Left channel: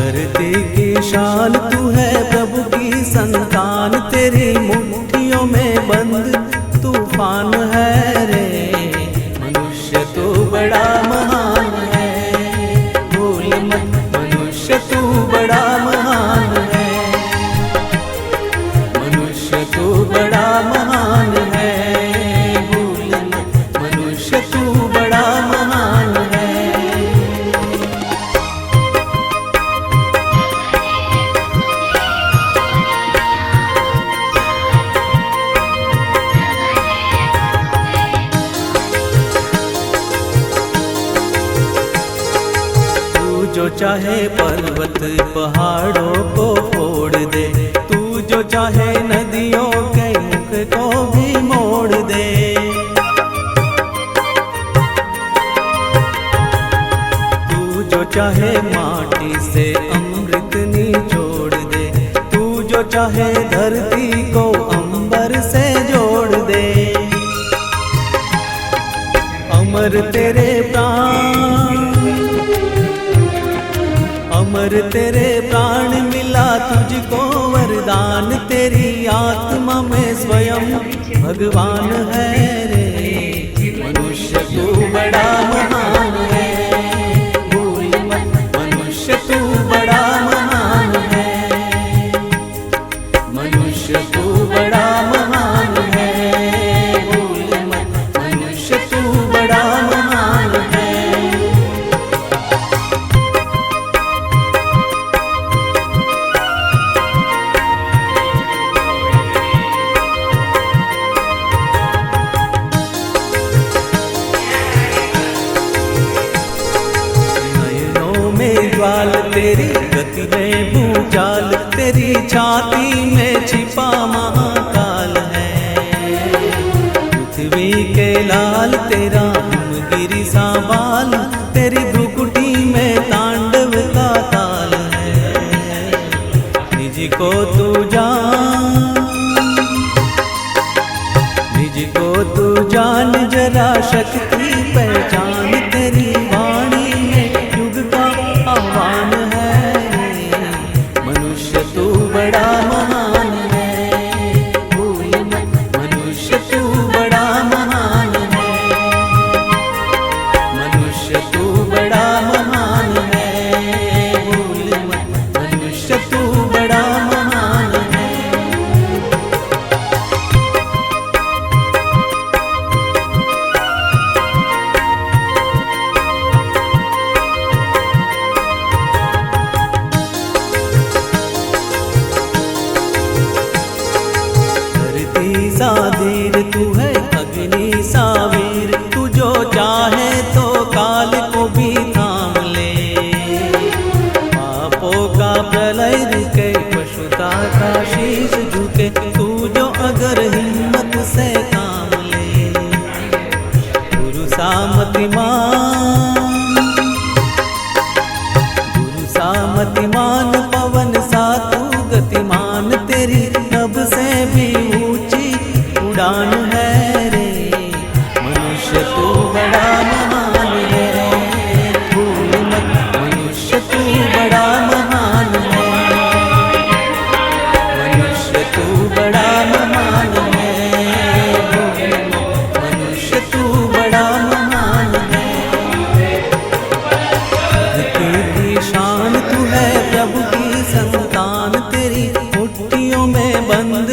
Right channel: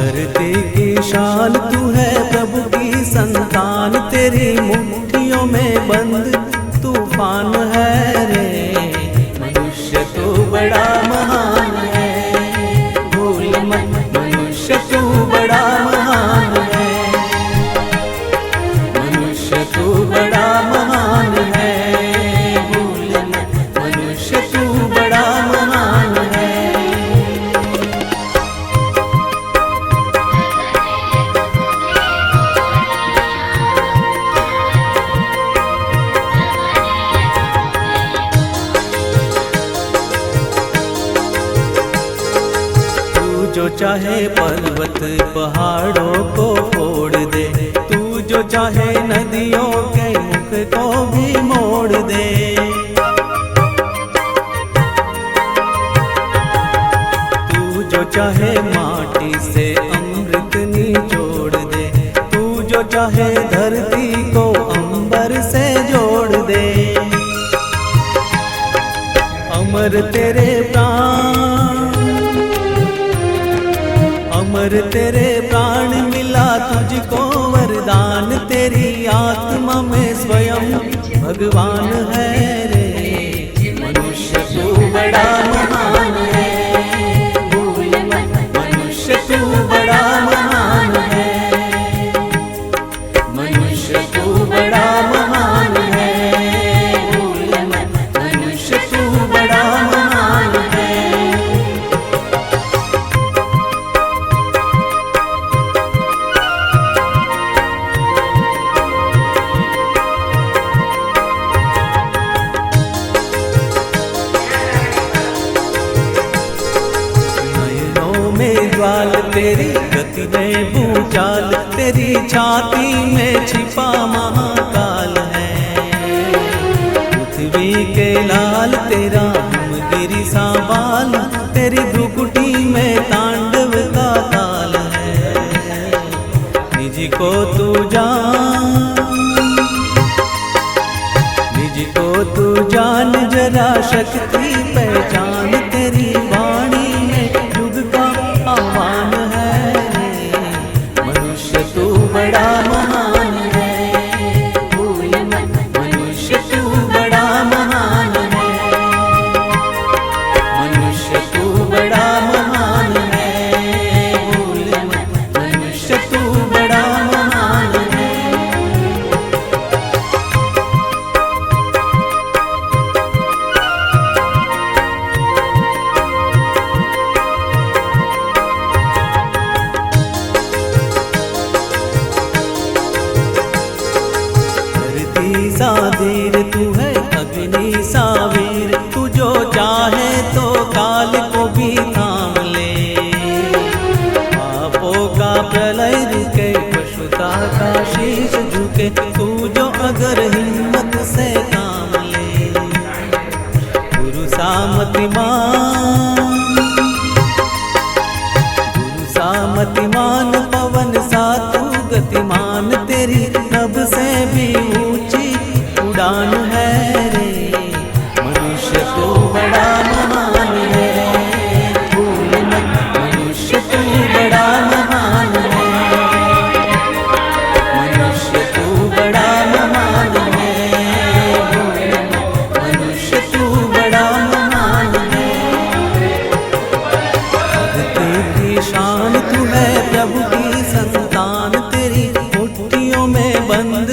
धरती की शान तू है, प्रभु की संतान, तेरी मुट्ठियों में बंद तूफान है रे। मनुष्य तू बड़ा महान है, भूल मत मनुष्य तू बड़ा महान है। मनुष्य तू बड़ा महान है, भूल मत मनुष्य तू बड़ा महान है। जो चाहे पर्वत पहाड़ों को फोड़ दे, तू जो चाहे नदियों के मुख को भी मोड़ दे। तू जो चाहे माटी से अमृत निचोड़ दे, तू जो चाहे धरती को अंबर से जोड़ दे। अमर तेरे प्राण, अमर तेरे प्राण मिला तुझको वरदान, तेरी आत्मा में स्वयं भगवान है रे। मनुष्य तू बड़ा महान है, भूल मत मनुष्य तू बड़ा महान है। मनुष्य तू बड़ा महान है, भूल मत मनुष्य तू बड़ा महान है। में ज्वाल तेरी गति में भूचाल, तेरी छाती में छिपा महाकाल है। पृथ्वी के लाल तेरा हिमगिरी सा बाल, तेरी भ्रुकुटी में तांडव का ताल है। निज को तू जान, निज को तू जान जरा शक्ति पहचान, तेरी वाणी में युग का आह्वान है। मनुष्य तू बड़ा महान है, भूल मत मनुष्य तू बड़ा महान है। मनुष्य तू बड़ा महान है, भूल मत मनुष्य तू बड़ा महान है। सा धीर तू है अग्नि सा वीर, तू जो चाहे तो काल को भी थाम ले। पापों का प्रलय रुके, पशुता का शीश झुके, तू जो अगर हिम्मत से काम ले। गुरु सामतिमान, गुरु सामतिमान, पवन सा तू गतिमान, तेरी नभ से भी ऊंची उड़ान है रे। मनुष्य तू बड़ा महान है, भूल मत मनुष्य तू बड़ा महान है। मनुष्य तू बड़ा महान है, भूल मत मनुष्य तू बड़ा महान है। धरती की शान तू है, प्रभु की संतान, तेरी मुट्ठियों में बंद